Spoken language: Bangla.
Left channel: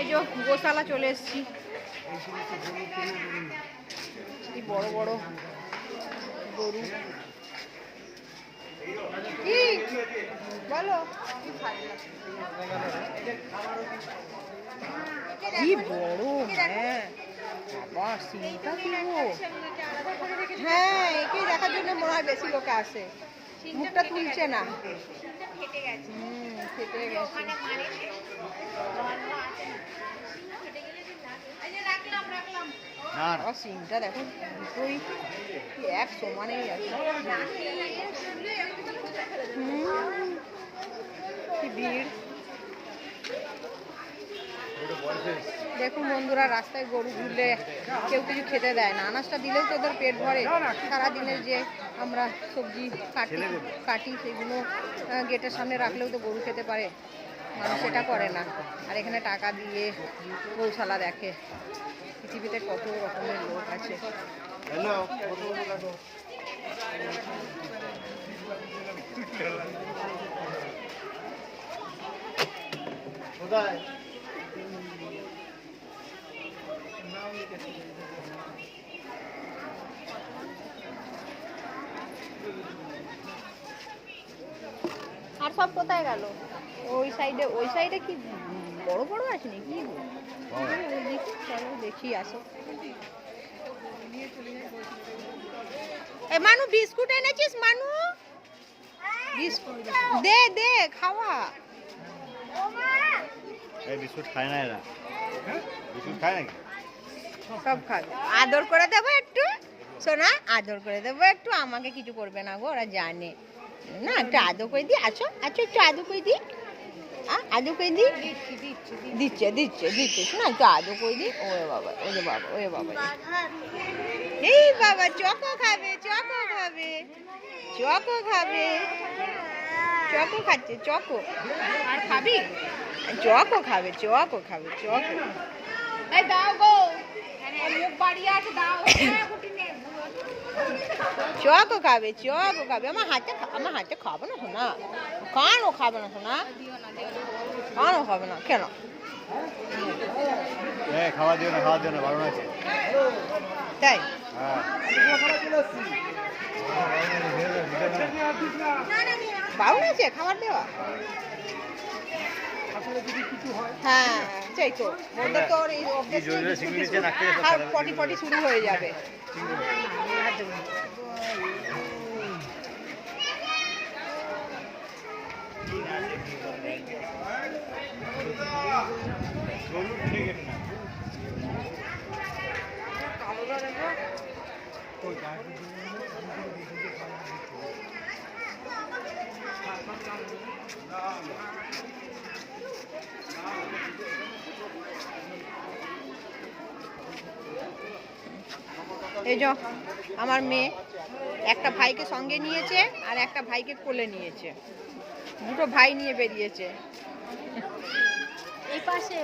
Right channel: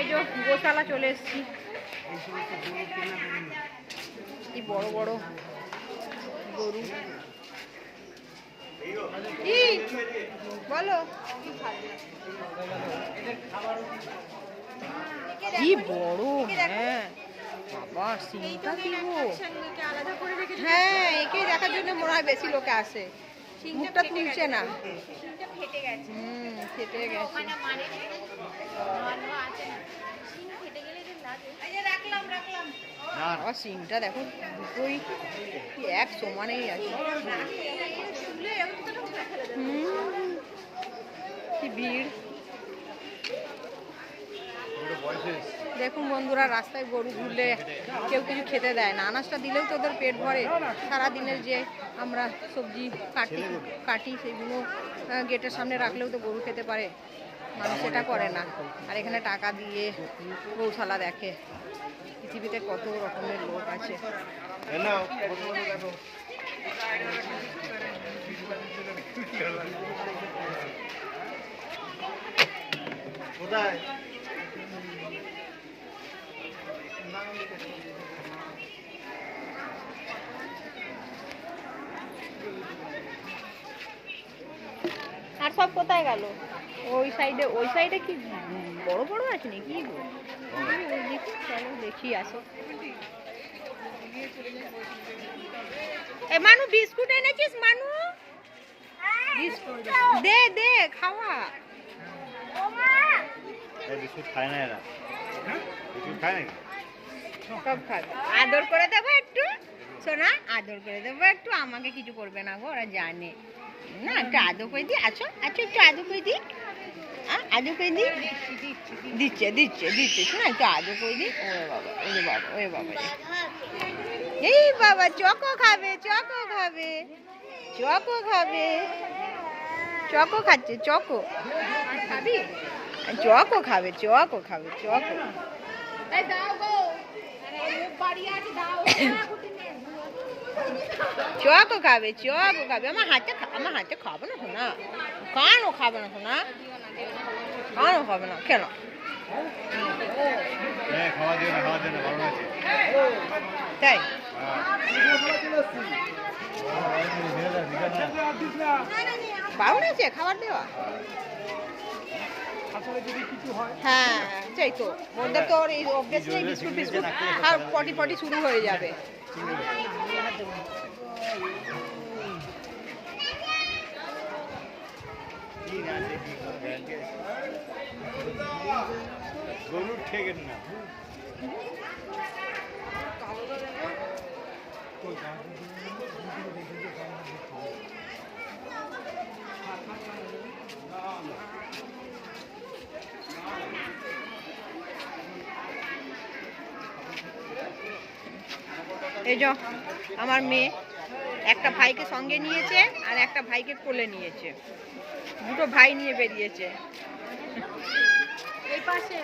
এই যে গোশালা চলে এসেছি। কি বড় বড় গরু। কি বলো? কি বড়! হ্যাঁ বাবা, সিংটা কি গো! হ্যাঁ, একেই দেখার জন্য মনে হয় বেশি লোকে আসে। মুখটা তুলছে না। ফেটে গেছে। সিংটা দেখো, দুটোই এক সমানেই আছে। কি ভিড়! দেখুন বন্ধুরা, রাস্তায় গরু ঘুরলে কেউ কিছু খেতে দেয় না। আনাজটা দিলেও তো ওদের পেট ভরে। সারাদিনের যে আমরা সবজি কাটি সেগুলো গেটের সামনে রাখলেও তো গরু খেতে পারে। মানুষ সেটা করে না, আর এখানে টাকা দিয়ে গৌশালা দেখে। পৃথিবীতে কত রকমের লোক আছে। আর সব কোথায় গেল? ওই সাইডে কি বড় বড় আছে নাকি? দেখি, চলো দেখি, আসো। মানু বিস্কুট এনেছিস? মানু বিস্কুট দে দে, খাওয়া। বিস্কুট খায় না এরা। বিস্কুট খায় নাকি? সব খাবে। আদর করে দেবো একটু, শোনা, আদর করে দেবো একটু। আমাকে কিছু করবে না গো, ওরা জানে না। একটু আদর করে দিই। আচ্ছা আচ্ছা, একটু আদর করে দিই। আদর করে দিই। দিচ্ছে দিচ্ছে দিচ্ছে, শোনা, একটু আদর করে দিই। ওরে বাবা, ওরে বাবা, ওরে বাবা, এই বাবা, চকো খাবে, চকো খাবে, চকো খাবে, চকো খাচ্ছে, চকো খাবি? চকো খাবে, চকো খাবে, চকো। চকো খাবে, চকো খাবে। আমার হাতে খাবে না শোনা। কেন খাবে না শোনা? কেন খাবে না? কেন? খাওয়া দিও না, খাওয়া দিও না, ভালো আছে। তাই বাউন আছে খাবার দেওয়া? হ্যাঁ, সেই তো ওদের তো এই বিস্কুট টিস্কুট আর পটি পটি শুরু হয়ে যাবে। এই যে আমার মেয়ে একটা ভাইকে সঙ্গে নিয়েছে আর একটা ভাইকে কোলে নিয়েছে। দুটো ভাই নিয়ে বেরিয়েছে। এই পাশে